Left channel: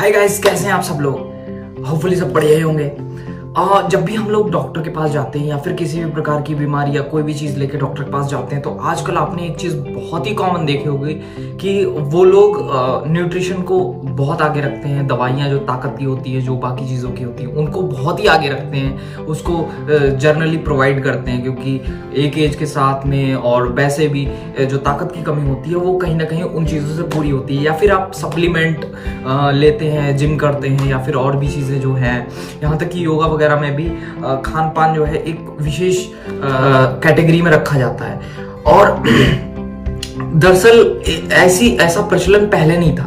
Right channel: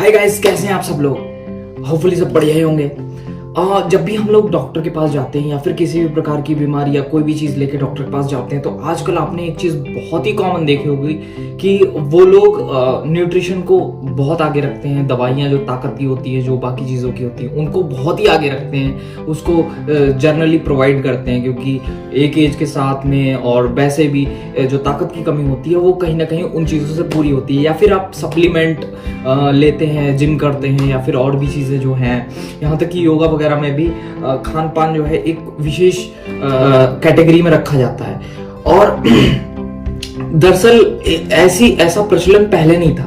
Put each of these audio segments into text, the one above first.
Hi guys, कैसे हैं आप सब लोग। होपफुली सब बढ़िया ही होंगे। जब भी हम लोग डॉक्टर के पास जाते हैं या फिर किसी भी प्रकार की बीमारी या कोई भी चीज लेके डॉक्टर के पास जाते हैं तो आजकल आपने एक चीज बहुत ही कॉमन देखी होगी कि वो लोग न्यूट्रिशन को बहुत आगे रखते हैं। दवाइयां जो ताकत की होती है, जो बाकी चीजों की होती है, उनको बहुत ही आगे रखते हैं, उसको जनरली प्रोवाइड करते हैं, क्योंकि एक एज के साथ में और वैसे भी जो ताकत की कमी होती है वो कहीं ना कहीं उन चीजों से पूरी होती है। या फिर आप सप्लीमेंट लेते हैं, जिम करते हैं, या फिर और भी चीजें जो हैं, यहाँ तक कि योगा वगैरह में भी खान पान जो है एक विशेष कैटेगरी में रखा जाता है। और दरअसल ऐसा प्रचलन पहले नहीं था,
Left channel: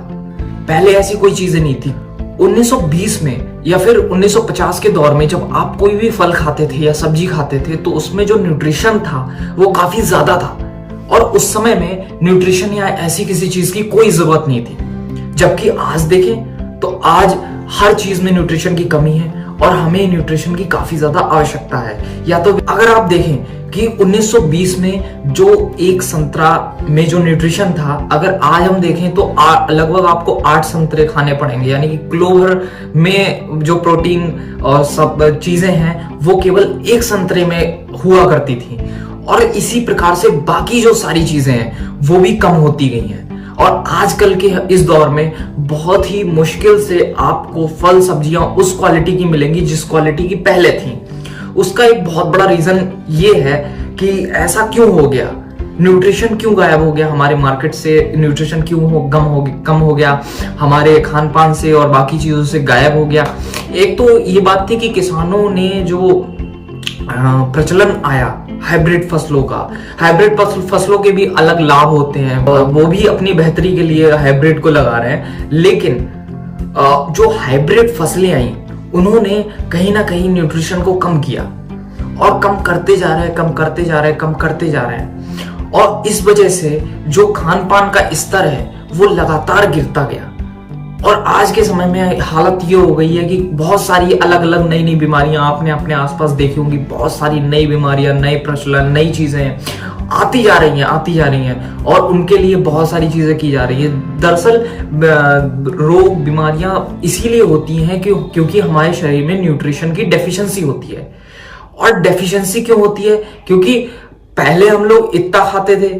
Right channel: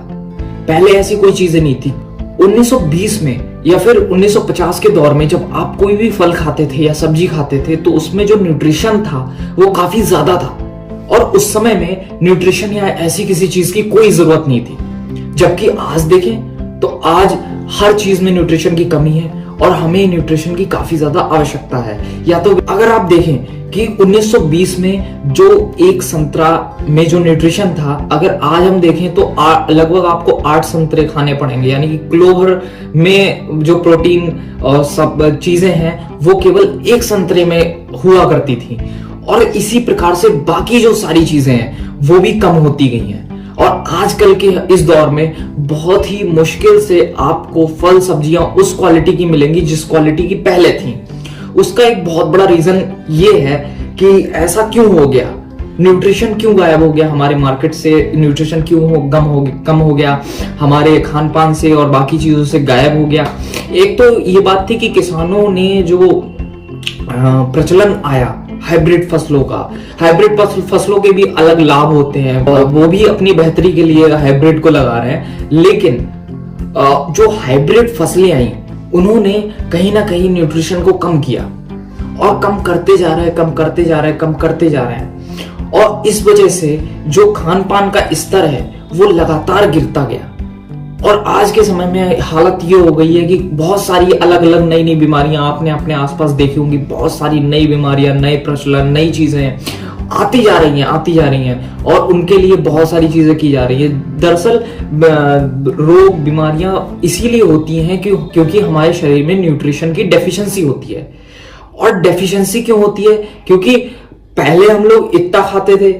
पहले ऐसी कोई चीजें नहीं थी। 1920 में या फिर 1950 के दौर में जब आप कोई भी फल खाते थे या सब्जी खाते थे तो उसमें जो न्यूट्रिशन था वो काफी ज्यादा था, और उस समय में न्यूट्रिशन या ऐसी किसी चीज की कोई जरूरत नहीं थी। जबकि आज देखें तो आज हर चीज में न्यूट्रिशन की कमी है और हमें न्यूट्रिशन की काफी ज्यादा आवश्यकता है। या तो अगर आप देखें कि 1920 में जो एक संतरा में जो न्यूट्रिशन था, अगर आज हम देखें तो लगभग आपको 8 संतरे खाने पड़ेंगे। यानी कि क्लोवर में जो प्रोटीन और सब चीजें हैं वो केवल एक संतरे में हुआ करती थी, और इसी प्रकार से बाकी जो सारी चीजें हैं वो भी कम होती गई हैं। और आजकल के इस दौर में बहुत ही मुश्किल से आपको फल सब्जियां उस क्वालिटी की मिलेंगी जिस क्वालिटी की पहले थी। उसका एक बहुत बड़ा रीजन ये है कि ऐसा क्यों हो गया, न्यूट्रिशन क्यों गायब हो गया हमारे मार्केट से, न्यूट्रिशन क्यों कम हो गया हमारे खान पान से और बाकी चीजों से गायब हो गया। एक तो ये बात थी कि किसानों ने जो प्रचलन आया हाइब्रिड फसलों का, हाइब्रिड फसलों के भी अलग लाभ होते हैं, वो भी अपनी बेहतरी के लिए हाइब्रिड को लगा रहे हैं। लेकिन जो हाइब्रिड फसलें आई उन्होंने कहीं ना कहीं न्यूट्रिशन को कम किया, और कम करते जा रहे हैं, और इस वजह से जो खान पान का स्तर है वो लगातार गिरता गया। और आज के समय में हालत ये हो गई है कि बहुत सारी अलग अलग नई नई बीमारियां आपने अपने आसपास देखी होंगी। बहुत सारी नई बीमारियां, नए प्रचलन, नई चीजें आती जा रही हैं और उनके लिए बहुत सारी चीजें की जा रही है। दरअसल रोग बीमारियां इसीलिए होती हैं क्योंकि हमारे शरीर में न्यूट्रिशन की डेफिशिएंसी होती है। और डेफिशिएंसी क्यों होती है? क्योंकि पहले हम लोग इतना खाते थे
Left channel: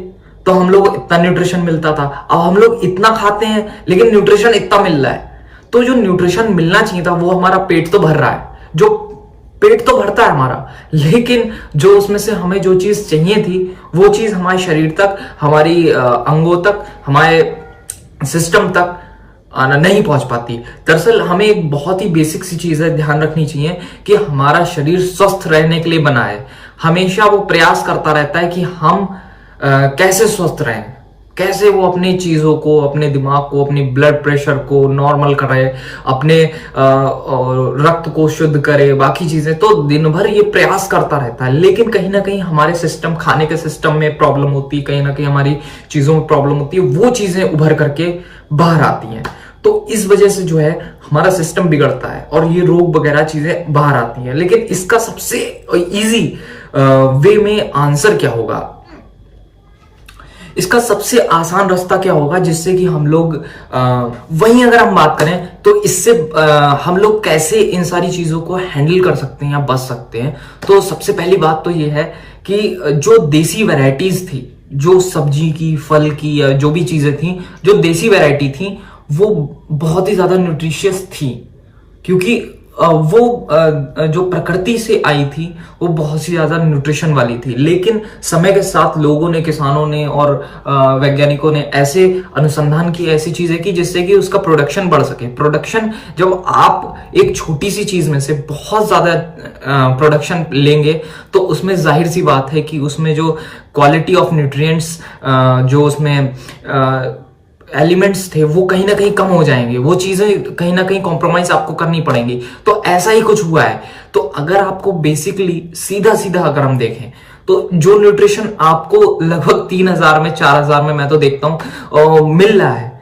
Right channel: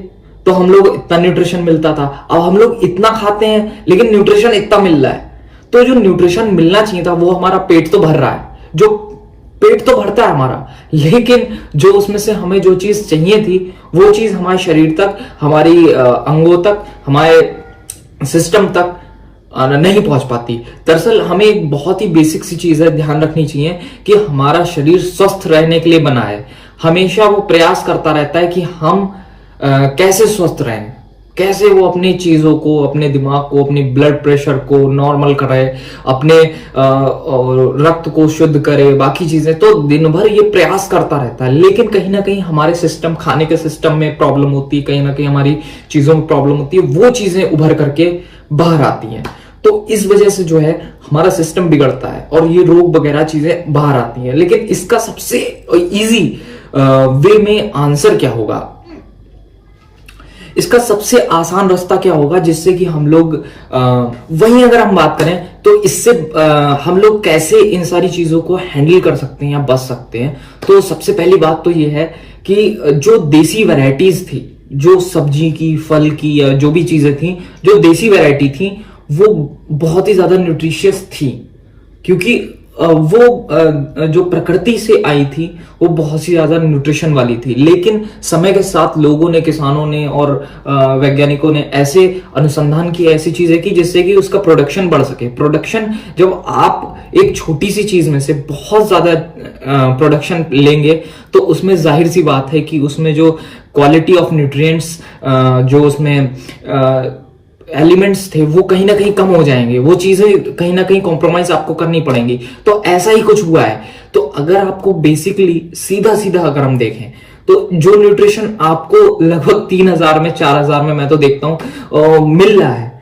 तो हम लोग इतना न्यूट्रिशन मिलता था, अब हम लोग इतना खाते हैं लेकिन न्यूट्रिशन इतना मिल रहा है। तो जो न्यूट्रिशन मिलना चाहिए था वो हमारा पेट तो भर रहा है, जो पेट तो भरता है हमारा, लेकिन जो उसमें से हमें जो चीज चाहिए थी वो चीज हमारे शरीर तक, हमारी अंगों तक, हमारे सिस्टम तक नहीं पहुंच पाती। दरअसल हमें एक बहुत ही बेसिक सी चीज है ध्यान रखनी चाहिए कि हमारा शरीर स्वस्थ रहने के लिए बना है। हमेशा वो प्रयास करता रहता है कि हम कैसे स्वस्थ रहें, कैसे वो अपनी चीजों को, अपने दिमाग को, अपने ब्लड प्रेशर को नॉर्मल करे, अपने रक्त को शुद्ध करे, बाकी चीजें। तो दिन भर ये प्रयास करता रहता है, लेकिन कहीं ना कहीं हमारे सिस्टम, खाने के सिस्टम में प्रॉब्लम होती है, कहीं ना कहीं हमारी चीजों में प्रॉब्लम होती है, वो चीजें उभर करके बाहर आती हैं। तो इस वजह से जो है हमारा सिस्टम बिगड़ता है और ये रोग वगैरह चीजें बाहर आती हैं। लेकिन इसका सबसे इजी वे में आंसर क्या होगा, इसका सबसे आसान रास्ता क्या होगा जिससे कि हम लोग वहीं अगर हम बात करें तो इससे हम लोग कैसे इन सारी चीजों को हैंडल कर सकते हैं या बच सकते हैं। तो सबसे पहली बात तो ये है कि जो देसी वैरायटीज थी, जो सब्जी की, फल की, या जो भी चीजें थी, जो देसी वैरायटी थी वो बहुत ही ज्यादा न्यूट्रिशियस थी, क्योंकि वो जो प्रकृति से आई थी वो बहुत ही ज्यादा न्यूट्रिशन वाली थी। लेकिन समय के साथ लोगों ने, किसानों ने और वैज्ञानिकों ने ऐसे अनुसंधान किए, ऐसी चीजें की जिससे कि उसका प्रोडक्शन बढ़ सके। प्रोडक्शन, जब आप एक छोटी सी चीज में से बहुत ज्यादा प्रोडक्शन लेंगे तो उसमें जाहिर सी बात है कि उसमें जो क्वालिटी ऑफ न्यूट्रिएंट्स, जो उसमें एलिमेंट्स थे वो कहीं ना कहीं कम हो जाएंगे, वो चीजें कहीं ना कहीं कॉम्प्रोमाइज आपको करनी पड़ेंगी। तो ऐसा ही कुछ हुआ है। तो अगर आपको बेसिकली सीधा अगर हम देखें तो जो न्यूट्रिशन आपको लगभग 3000 में, 4000 में मैं तो देखता हूं मिल रहा है,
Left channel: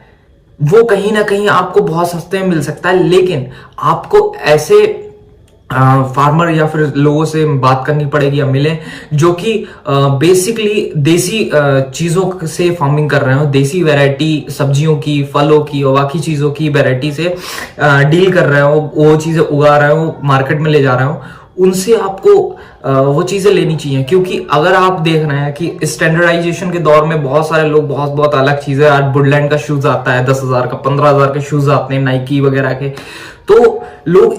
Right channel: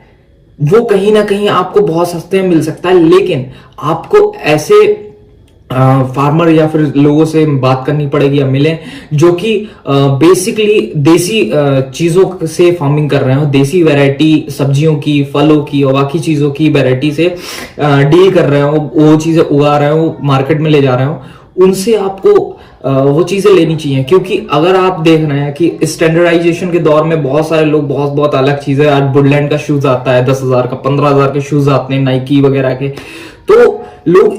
वो कहीं ना कहीं आपको बहुत सस्ते में मिल सकता है। लेकिन आपको ऐसे फार्मर या फिर लोगों से बात करनी पड़ेगी या मिले जो कि बेसिकली देसी चीजों से फार्मिंग कर रहे हो, देसी वैरायटी सब्जियों की, फलों की और बाकी चीजों की वैरायटी से डील कर रहे हो, वो चीजें उगा रहे हो, मार्केट में ले जा रहे हो, उनसे आपको वो चीजें लेनी चाहिए। क्योंकि अगर आप देख रहे हैं कि स्टैंडर्डाइजेशन के दौर में बहुत सारे लोग बहुत बहुत अलग चीजें, आज वुडलैंड का शूज आता है 10,000 का, 15,000 के शूज आते हैं नाइकी वगैरह के, तो लोग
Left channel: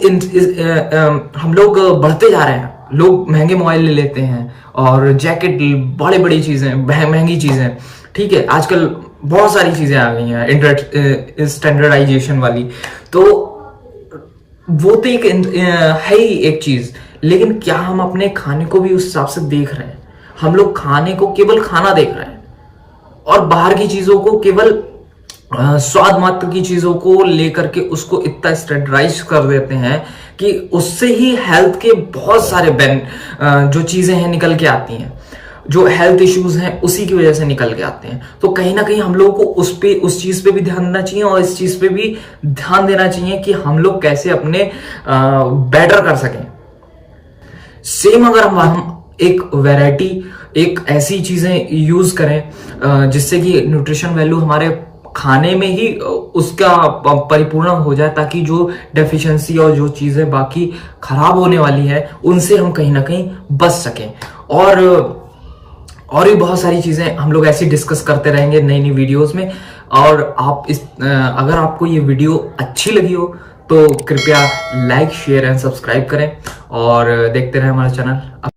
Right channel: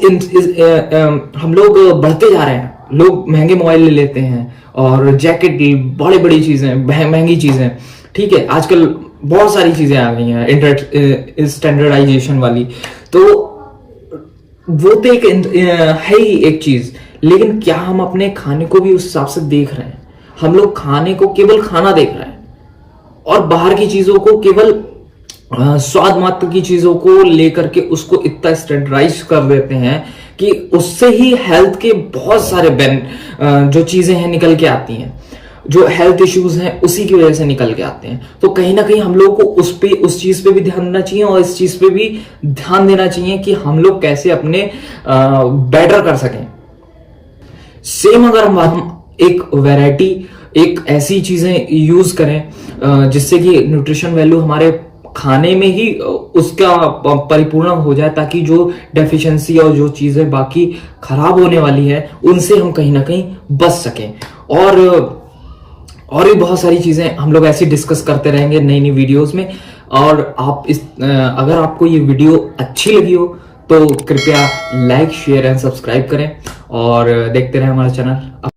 हम लोग बढ़ते जा रहे हैं, लोग महंगे मोबाइल ले लेते हैं और जैकेट, बड़ी बड़ी चीजें, महंगी चीजें, ठीक है, आजकल बहुत सारी चीजें आ गई हैं स्टैंडर्डाइजेशन वाली, तो वो तो एक है ही एक चीज, लेकिन क्या हम अपने खाने को भी उस हिसाब से देख रहे हैं? हम लोग खाने को केवल खाना देख रहे हैं और बाहर की चीजों को केवल स्वाद मात्र की चीजों को लेकर के उसको इतना स्टैंडर्डाइज कर देते हैं कि उससे ही हेल्थ के बहुत सारे जो चीजें हैं निकल के आती हैं, जो हेल्थ इश्यूज हैं उसी की वजह से निकल के आते हैं। तो कहीं ना कहीं हम लोग को उस चीज पे भी ध्यान देना चाहिए और इस चीज पे भी ध्यान देना चाहिए कि हम लोग कैसे अपने बेटर कर सकें। सेम अगर हम एक वैरायटी, एक ऐसी चीजें यूज करें जिससे कि न्यूट्रिशन वैल्यू हमारे खाने में ही उसका परिपूर्ण हो जाए, ताकि जो डेफिशिएंसी और जो चीजें बाकी खराब होने वाली है उनसे हम कहीं ना कहीं बच सकें। और भी बहुत सारी चीजें हम लोग ऐसी डिस्कस करते रहेंगे नई नई वीडियोस में। और अगर आपको ये वीडियो अच्छी लगी हो तो कृपया लाइक, शेयर एंड सब्सक्राइब करें और देखते रहें हमारा चैनल।